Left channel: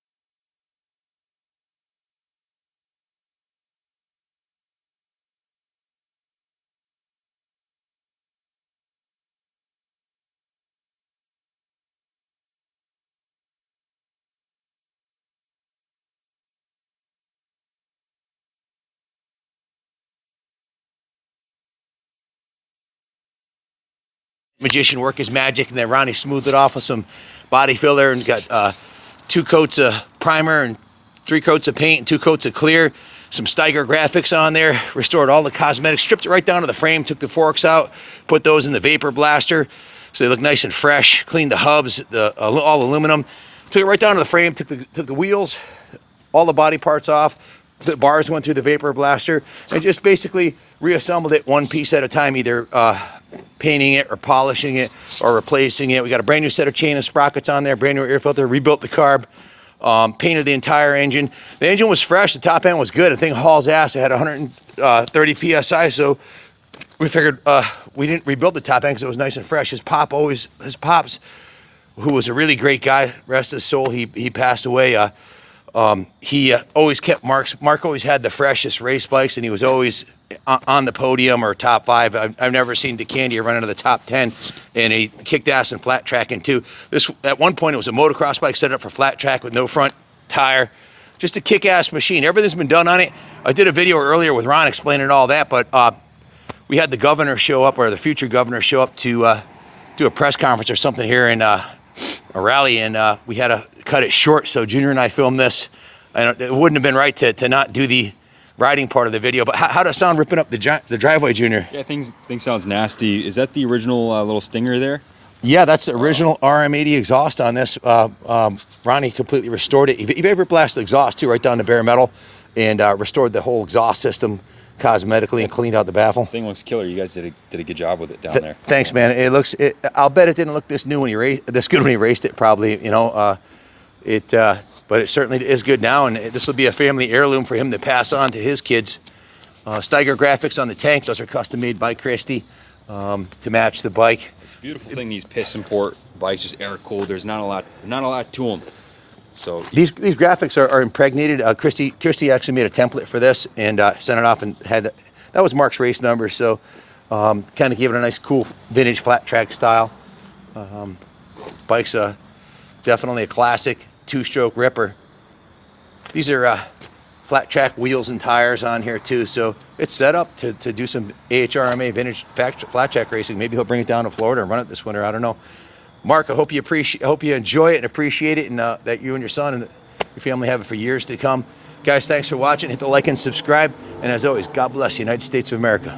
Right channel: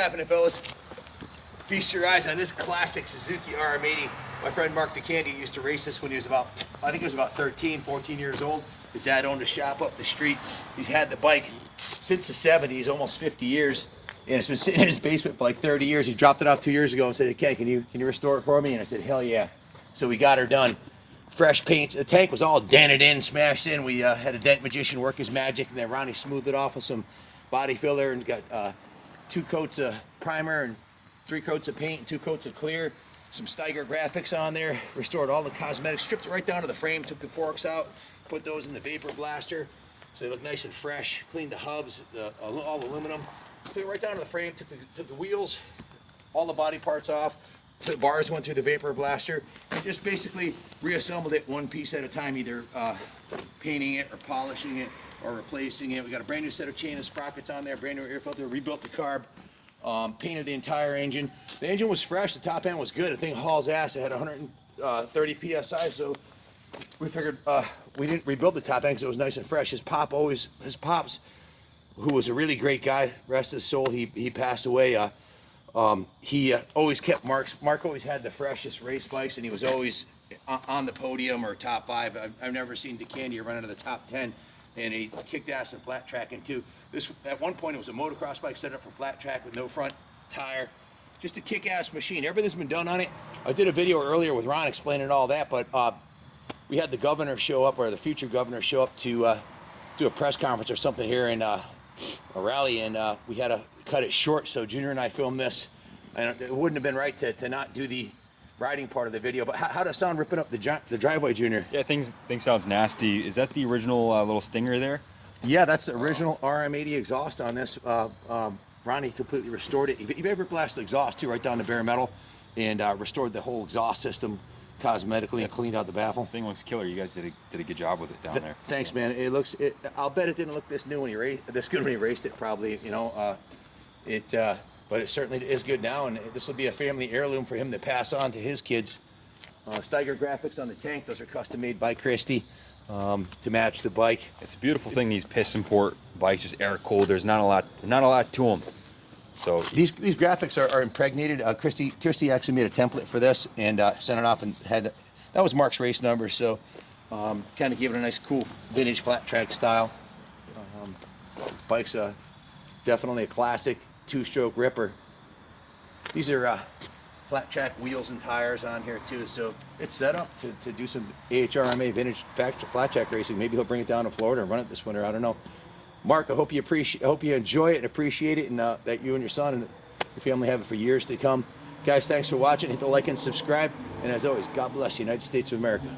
happening, fellas? Feast your eyes on this classic Suzuki RM80. My friend Mark DeCandy used to race this when he was about, I think he was about 13, 14 years old. His dad owned a shop up the street. He's had the bike since the 70s, almost 50 years. And it's been sitting in his basement for like 30 years. He dropped it off 2 years ago and said, "Okay, can you restore it for me?" And I said, "Hell yeah." So we got her done. Fresh paint. The tank was all dented in, smashed in. We had a dent magician work his magic, and then Ronnie smoothed it off with some body filler and got 2 coats of primer and 3 coats of paint and 2 coats of clear. Some Steiger graphics on there. Restored all the cosmetics. Stripped it right down to the frame. Took the forks out. Put those in the vapor blaster so they look nice and fresh. Cleaned the hubs, all aluminum. Took it right down to the frame. Took the wheels, all the body parts off. The bars went through the vapor blaster, and just basically reassembled it one piece at a time, either painting it or polishing it or replacing it. We got a brand new set of chain and sprockets on there, brand new air filter, rebuilt the carb, painted the entire engine. The engine was fresh, the top end was good. The thing hauls ass. It had 130 PSI, so we figured we didn't rebuild the top end because it was nice and fresh. His pops, who was a really great guy, rest of his soul, he passed away. He always kept Mark always had the freshest race bikes, and he was always on the podium or top 5. I've never seen DeCandy run into the top 10, and he kicked ass in flat tracking too. This, at one point, it was a motocross bike set up for flat track with no front tire. Just a kick-ass machine. Everything's been done on it. I did a video earlier with Ron explaining all that, but we had the governor show up, or the future governor show up to do a press conference or something here in a rally, and we had to cut it short, so Junior and I filmed this. It wouldn't have been right to not do the riding part of the video, but how does it sound ripping up the driveway, Junior? Yeah, things sounds nasty. Is that the original little stinger there? Yeah, that's the original RM80 exhaust on this. Ronnie completely restored it. He vapor blasted the exhaust too, right down to bare metal, and restored the whole exhaust system cosmetically and cleaned out the baffle. The thing looks killer. You guys did a good job with it down there. Thanks, man. It looks. I'll bet it didn't look this new when this good when he raced it. Probably, you know. But it certainly is good now, and this will be a family heirloom for him to pass on to his kids. Steiger graphics on the tank; those are custom made by Christy to match the bike. It's a beautiful thing. These piston port bikes, just air cooled. There's not a lot to them. So these graphics are impregnated. Christy actually made a template for this and sent it off, and that was Mark's race number. So kind of gave it a nice, cool vintage flat track style. Bike's definitely a classic 2-stroke ripper. These are flat track wheels and tires on here too, so it's set up to do some AHRMA vintage flat track racing. Maybe he'll bring it down to Florida and run it this winter. I don't know. Mark, I hope you enjoy it and appreciate it, and that you and your son and your family have it for years to come. Guys, thanks for watching. Hit the like and subscribe, and as always, God bless the United States of America.